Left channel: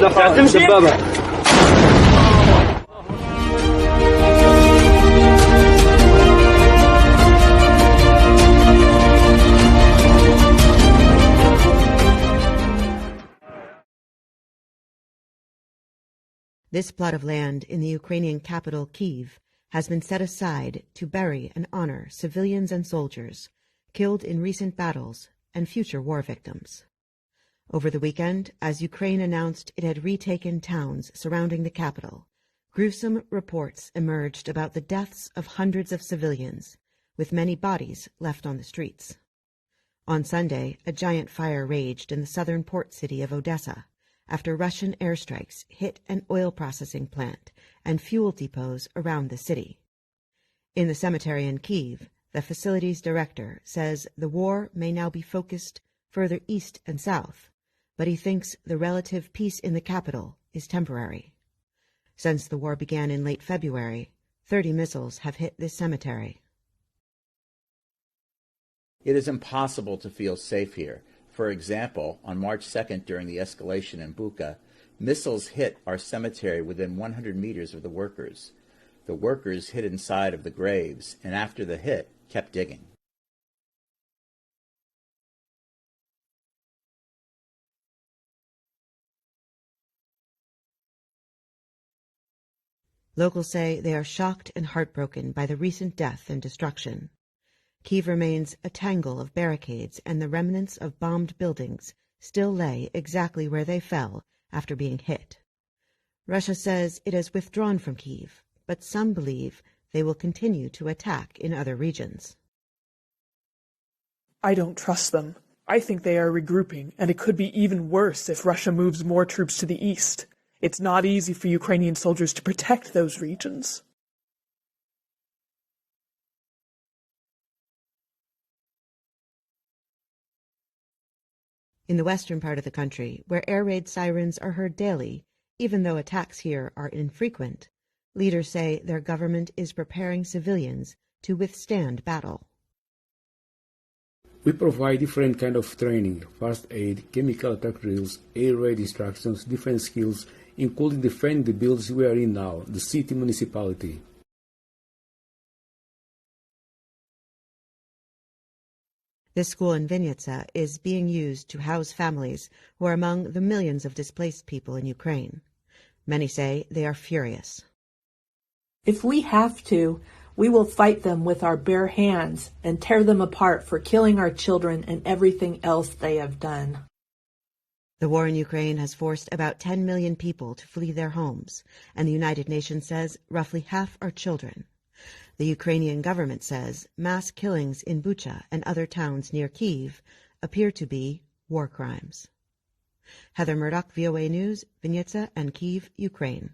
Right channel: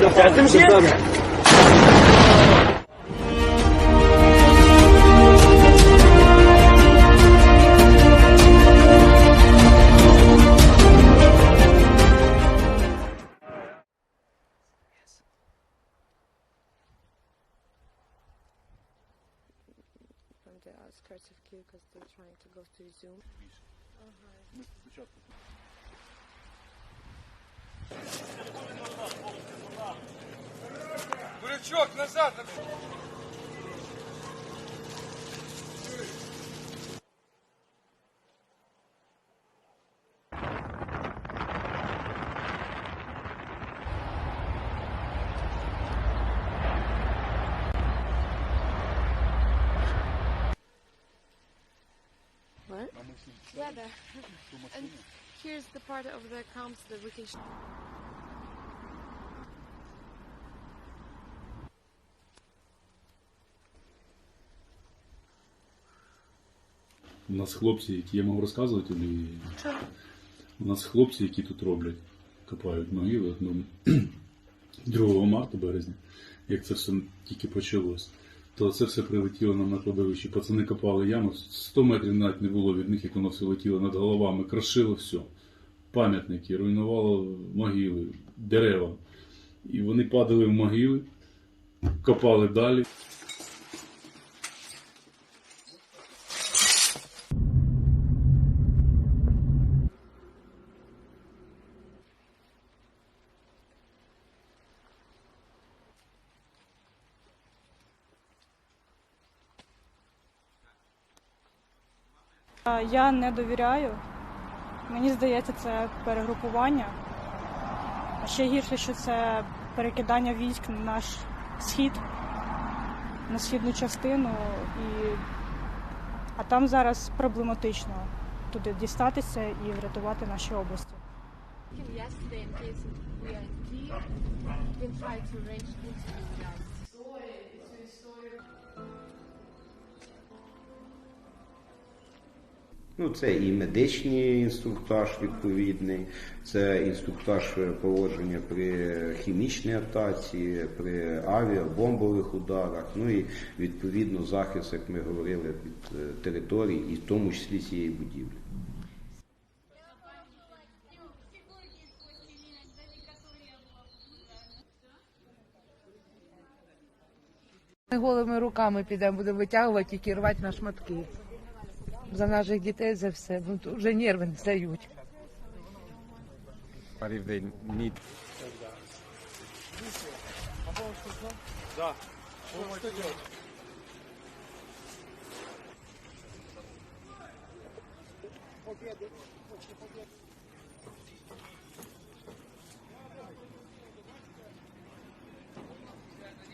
This plot of land in the Ukrainian capital, Kyiv, has been set aside to bury and honor civilians and soldiers killed in recent battles and future war victims. Over the weekend, as Ukraine announced it had retaken towns surrounding the capital, gruesome reports emerged about the deaths of hundreds of civilians, with many bodies left on the streets. On Sunday, a giant fire raged in the southern port city of Odessa after Russian airstrikes hit an oil processing plant and fuel depots around the city. In the cemetery in Kyiv, the facility's director says the war may now be focused further east and south, but he thinks the relative peace in the capital is temporary. Since the war began in late February, 30 missiles have hit this cemetery. It is impossible to feel safe here. For example, on March 2nd, during the escalation in Bucha, missiles hit our cemetery within 100 meters of the workers. The workers hid inside of the graves, and after the hit, kept digging. Пам'ятники, руйнувало могили, дерева. І вони падали в могили, копали далі. Locals say they are shocked and heartbroken by the recent death and destruction. Kyiv remains a tangle of barricades, and the remnants of bombed buildings still lay exactly where they fell after being hit. Russia says it has withdrawn from Kyiv, but some believe they will continue to attack in other regions. I don't trust them. I think they are regrouping, and it could be even worse as Russia moves more troops to the east. It's not easy for Ukrainian soldiers to protect those regions. In the western part of the country, where air raid sirens are heard daily, even though attacks here are infrequent, leaders say their government is preparing civilians to withstand battle. We provide different kind of training, fast aid, chemical tactics, air raid instructions, defense skills, including defend the buildings we are in now, the city municipality. This school in Vinnytsia is being used to house families who are among the millions of displaced people in Ukraine. Many say they are furious. If we have to, we will fight them with our bare hands and tear them apart for killing our children and everything else they have done. The war in Ukraine has forced about 10 million people to flee their homes, and the United Nations says roughly half are children. The Ukrainian government says mass killings in Bucha and other towns near Kyiv appear to be war crimes. Heather Murdock, VOA News, Vinnytsia and Kyiv, Ukraine.